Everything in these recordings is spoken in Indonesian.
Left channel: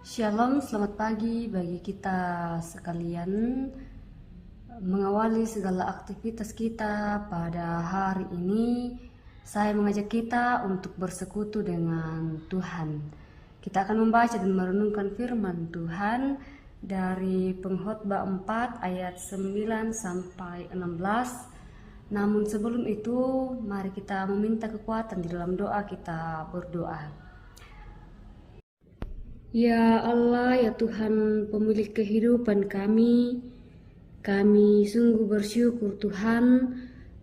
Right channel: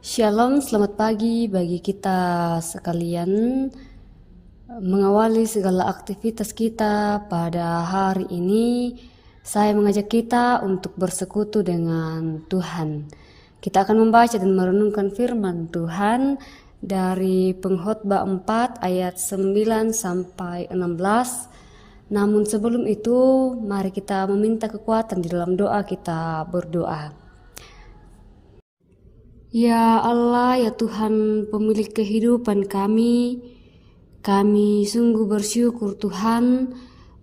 Shalom, selamat pagi bagi kita sekalian. Mengawali segala aktivitas kita pada hari ini, saya mengajak kita untuk bersekutu dengan Tuhan. Kita akan membaca dan merenungkan firman Tuhan dari Pengkhotbah 4 ayat 9 sampai 16. Namun sebelum itu, mari kita meminta kekuatan di dalam doa. Kita berdoa. Ya Allah, ya Tuhan pemilik kehidupan kami sungguh bersyukur Tuhan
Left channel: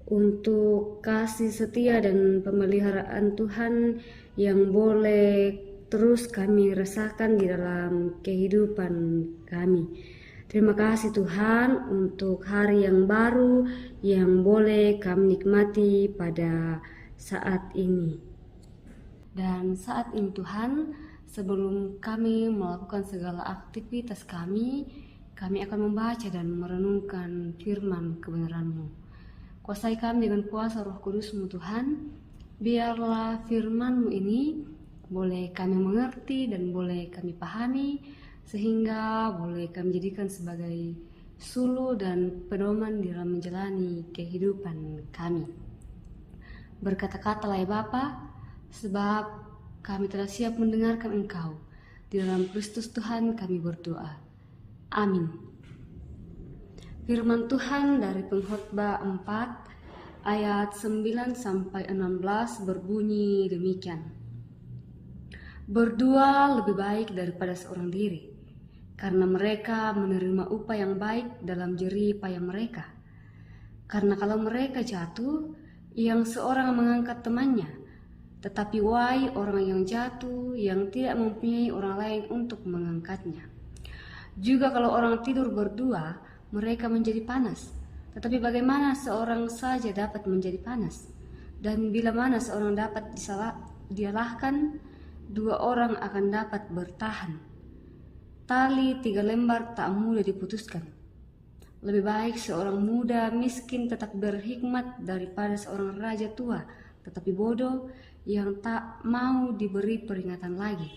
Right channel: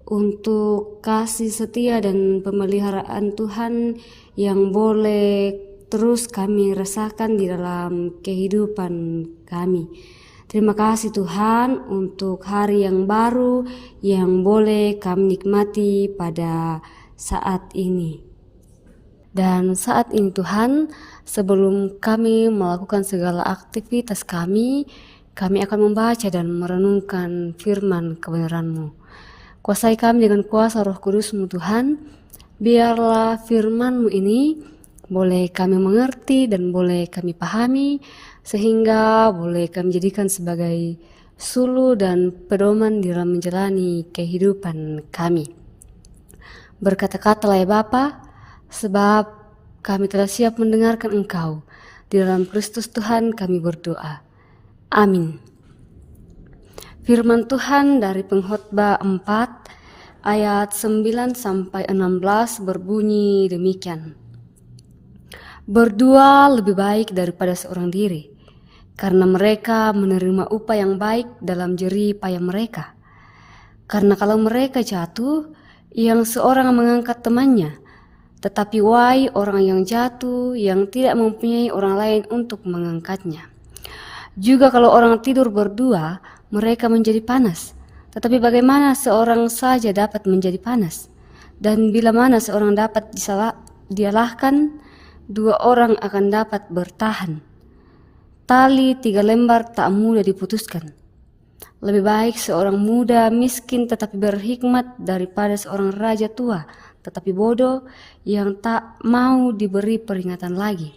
untuk kasih setia dan pemeliharaan Tuhan yang boleh terus kami rasakan di dalam kehidupan kami. Terima kasih Tuhan untuk hari yang baru yang boleh kami nikmati pada saat ini. Dan saat ini Tuhan, sebelum kami melakukan segala aktivitas kami akan membaca dan merenungkan firman kebenaran-Mu. Kuasai kami dengan kuasa Roh Kudus-Mu Tuhan, biarlah firman-Mu ini boleh kami mengerti dan boleh kami pahami, sehingga boleh kami jadikan sebagai sulu dan pedoman di dalam menjalani kehidupan kami. Berkata-katalah ya Bapa, sebab kami telah siap mendengarkan Engkau. Di dalam Kristus Tuhan kami berdoa. Amin. Firman Tuhan dari Pengkhotbah 4 ayat 9 sampai 16 berbunyi demikian. Berdua lebih baik daripada seorang diri, karena mereka menerima upah yang baik dalam jerih payah mereka. Karena kalau mereka jatuh, yang seorang mengangkat temannya, tetapi wahai orang yang jatuh yang tidak mempunyai orang lain untuk mengangkatnya. Juga kalau orang tidur berdua, mereka menjadi panas. Tetapi bagaimana seorang saja dapat menjadi panas? Dan bila mana seorang dapat dialahkan, dua orang akan dapat bertahan. Tali 3 lembar tak mudah diputuskan. Lebih baik seorang muda miskin tetapi berhikmat daripada seorang raja tua tetapi bodoh yang tak mau diberi peringatan lagi.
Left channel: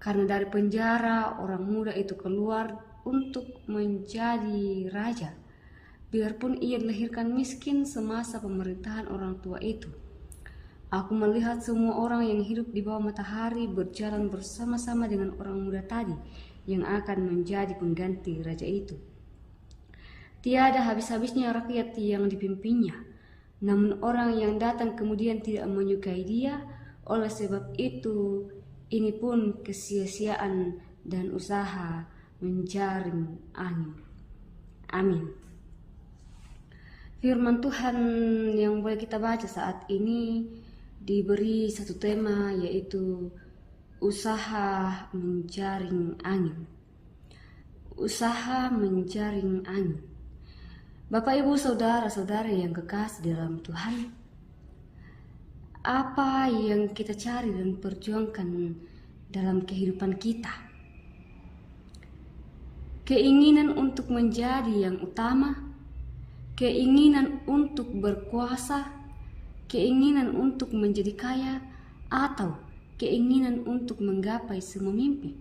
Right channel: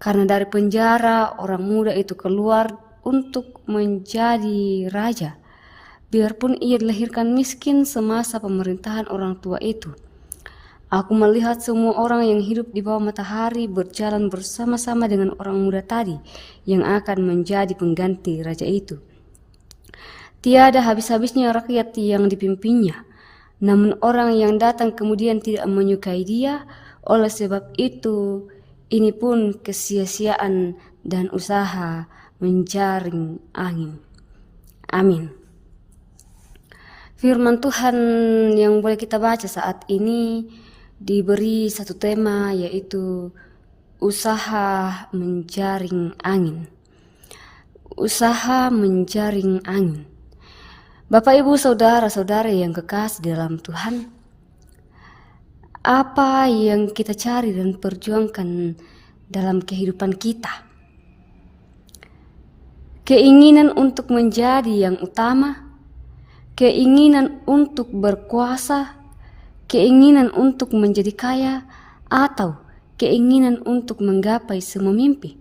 Karena dari penjara orang muda itu keluar untuk menjadi raja, biarpun ia dilahirkan miskin semasa pemerintahan orang tua itu. Aku melihat semua orang yang hidup di bawah matahari berjalan bersama-sama dengan orang muda tadi yang akan menjadi pengganti raja itu. Tiada habis-habisnya rakyat yang dipimpinnya, namun orang yang datang kemudian tidak menyukai dia. Oleh sebab itu, ini pun kesia-siaan dan usaha menjaring angin. Amin. Firman Tuhan yang boleh kita baca saat ini diberi satu tema, yaitu usaha menjaring angin. Usaha menjaring angin. Bapak, Ibu, Saudara-saudara yang kekasih dalam Tuhan, apa yang kita cari dan perjuangkan dalam kehidupan kita? Keinginan untuk menjadi yang utama, keinginan untuk berkuasa, keinginan untuk menjadi kaya, atau keinginan untuk menggapai semua mimpi?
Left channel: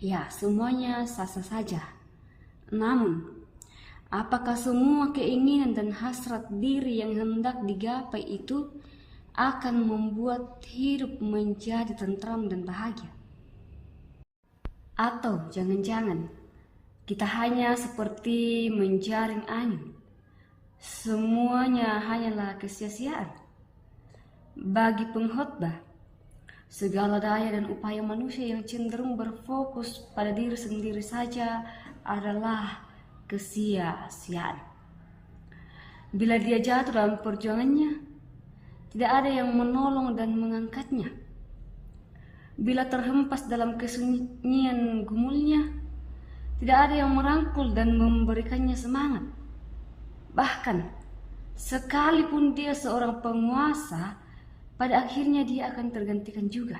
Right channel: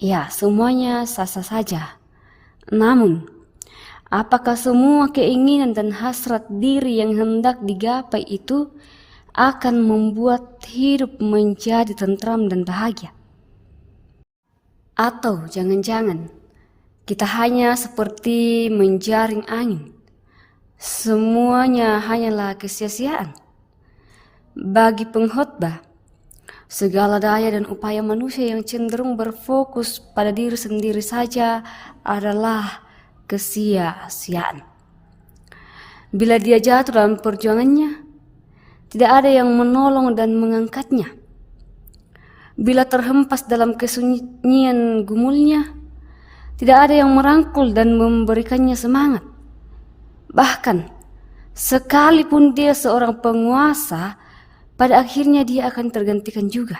Ya, semuanya sah-sah saja. Namun, apakah semua keinginan dan hasrat diri yang hendak digapai itu akan membuat hidup menjadi tentram dan bahagia? Atau jangan-jangan kita hanya seperti menjaring angin, semuanya hanyalah kesia-siaan? Bagi pengkhotbah, segala daya dan upaya manusia yang cenderung berfokus pada diri sendiri saja adalah kesia-siaan. Bila dia jatuh dalam perjuangannya, tidak ada yang menolong dan mengangkatnya. Bila terhempas dalam kesunyian gumulnya, tidak ada yang merangkul dan memberikannya semangat. Bahkan, sekalipun dia seorang penguasa, pada akhirnya dia akan tergantikan juga.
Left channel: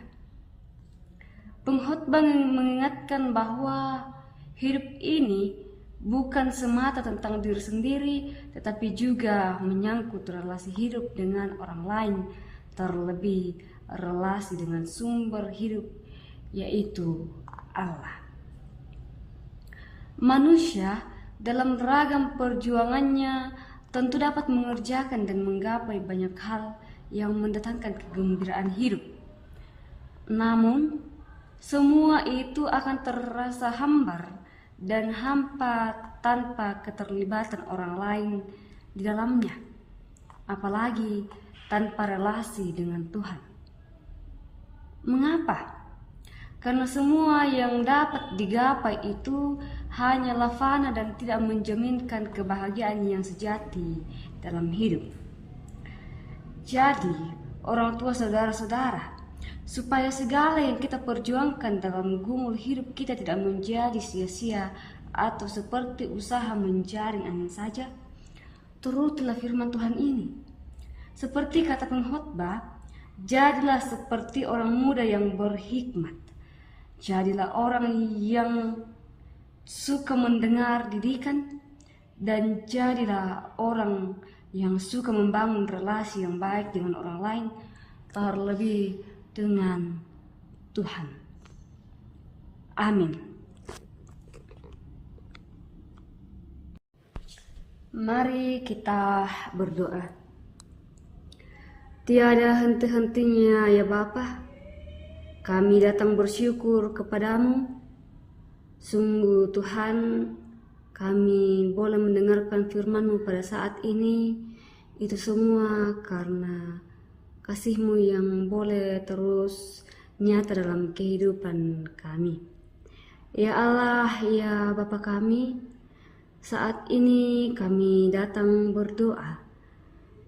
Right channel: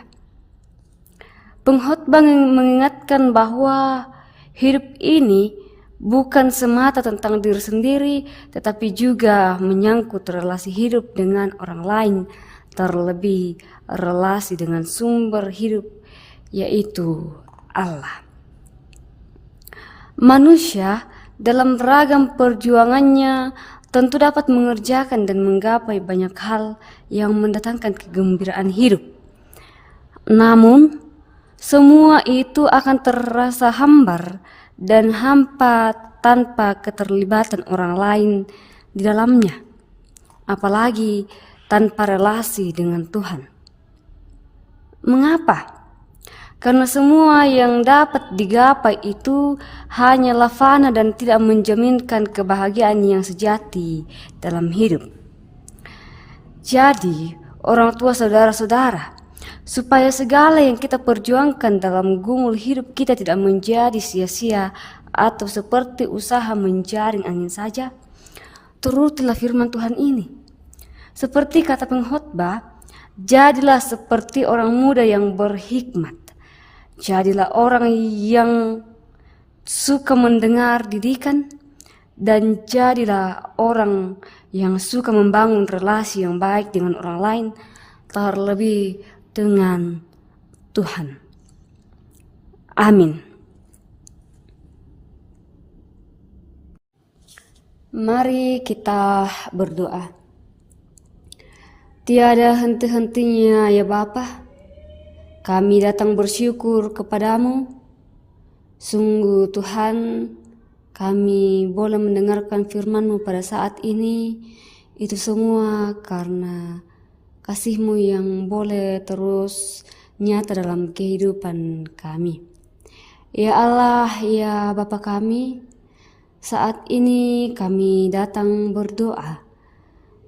Pengkhotbah mengingatkan bahwa hidup ini bukan semata tentang diri sendiri, tetapi juga menyangkut relasi hidup dengan orang lain, terlebih relasi dengan sumber hidup yaitu Allah. Manusia dalam beragam perjuangannya tentu dapat mengerjakan dan menggapai banyak hal yang mendatangkan kegembiraan hidup. Namun, semua itu akan terasa hambar dan hampa tanpa keterlibatan orang lain di dalamnya, apalagi tanpa relasi dengan Tuhan. Mengapa? Karena semua yang dapat digapai itu hanyalah fana dan tidak menjaminkan kebahagiaan yang sejati dalam hidup. Jadi, orang tua saudara-saudara, supaya segala yang kita perjuangkan dalam gumul hidup kita tidak menjadi sia-sia atau seperti usaha menjaring angin saja, turutilah firman Tuhan ini. Seperti kata pengkhotbah, jadilah seperti orang muda yang berhikmat. Jadilah orang yang suka mendengar didikan, dan jadilah orang yang suka membangun relasi yang baik dengan orang lain, terlebih dengan Tuhan. Amin. Mari kita berdoa. Tiada henti-hentinya ya Bapa, kami datang bersyukur kepadamu. Sungguh Tuhan, kami boleh mendengarkan firman-Mu pada saat ini. Itu semua karena kasih-Mu yang boleh terus nyata dalam kehidupan kami. Ya Allah, ya Bapa kami, saat ini kami datang berdoa,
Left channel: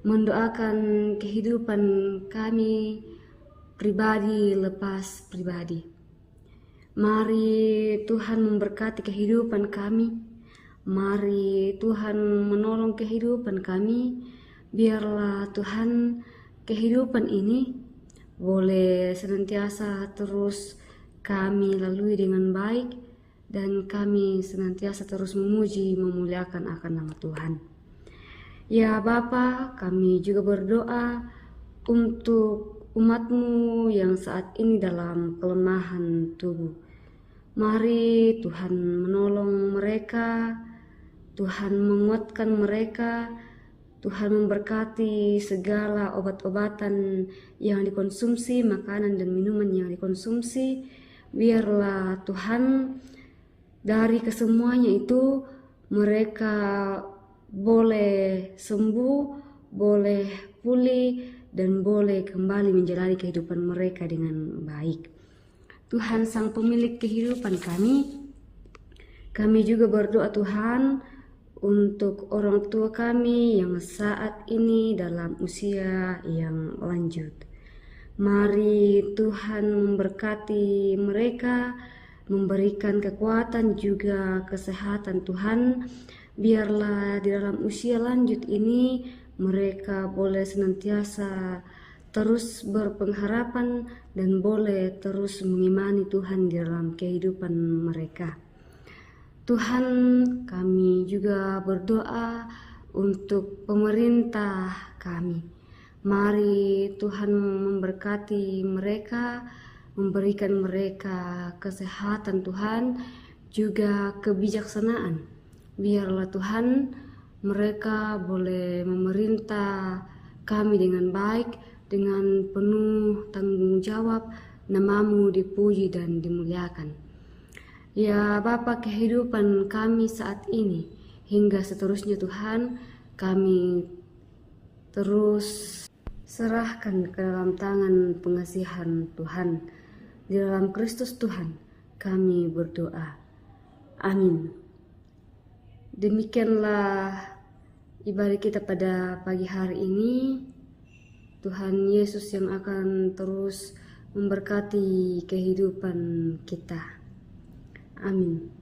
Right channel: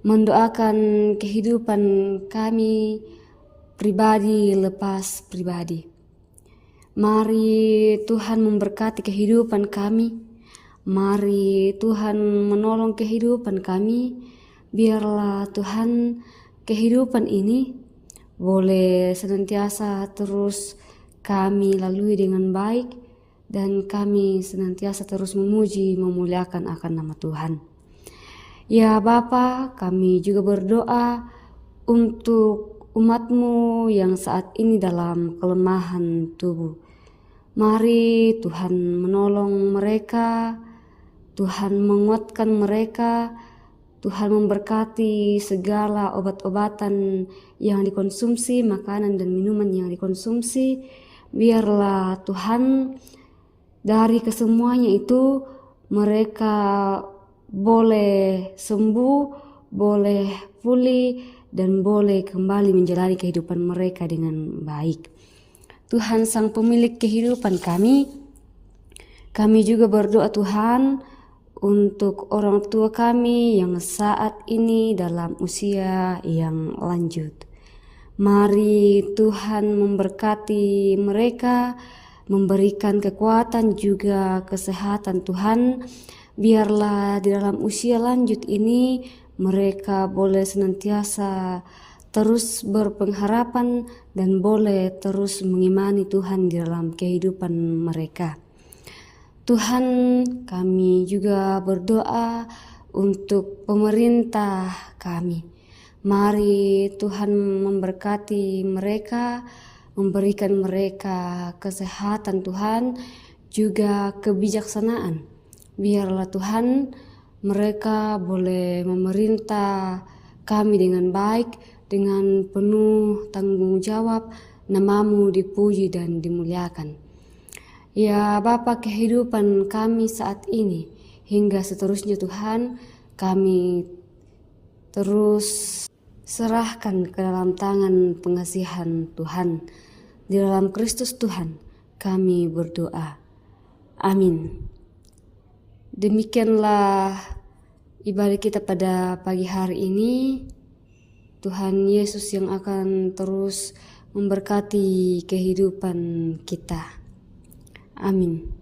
mendoakan kehidupan kami pribadi lepas pribadi. Mari Tuhan memberkati kehidupan kami. Mari Tuhan menolong kehidupan kami. Biarlah Tuhan kehidupan ini boleh senantiasa terus kami lalui dengan baik, dan kami senantiasa terus memuji memuliakan akan nama Tuhan. Ya Bapa, kami juga berdoa untuk umat-Mu yang saat ini dalam kelemahan tubuh. Mari Tuhan menolong mereka, Tuhan menguatkan mereka, Tuhan memberkati segala obat-obatan yang dikonsumsi, makanan dan minuman yang dikonsumsi. Biarlah Tuhan dari kesemuanya itu mereka boleh sembuh, boleh pulih, dan boleh kembali menjalani kehidupan mereka dengan baik. Tuhan Sang Pemilik kehidupan kami juga berdoa Tuhan untuk orang tua kami yang saat ini dalam usia yang lanjut. Mari Tuhan memberkati mereka, memberikan kekuatan juga kesehatan Tuhan. Biarlah di dalam usia lanjut ini mereka boleh senantiasa terus berpengharapan dan boleh terus mengimani Tuhan di dalam kehidupan mereka. Tuhan, kami juga berdoa untuk pemerintah kami. Mari Tuhan memberkati mereka, memberikan mereka kesehatan Tuhan, juga kebijaksanaan. Biarlah Tuhan mereka boleh memerintah kami dengan baik, dengan penuh tanggung jawab, nama-Mu dipuji dan dimuliakan. Ya Bapa, kehidupan kami saat ini hingga seterusnya Tuhan, kami terus serahkan ke dalam tangan pengasihan Tuhan. Di dalam Kristus Tuhan kami berdoa. Amin. Demikianlah ibadah kita pada pagi hari ini. Tuhan Yesus yang akan terus memberkati kehidupan kita. Amin.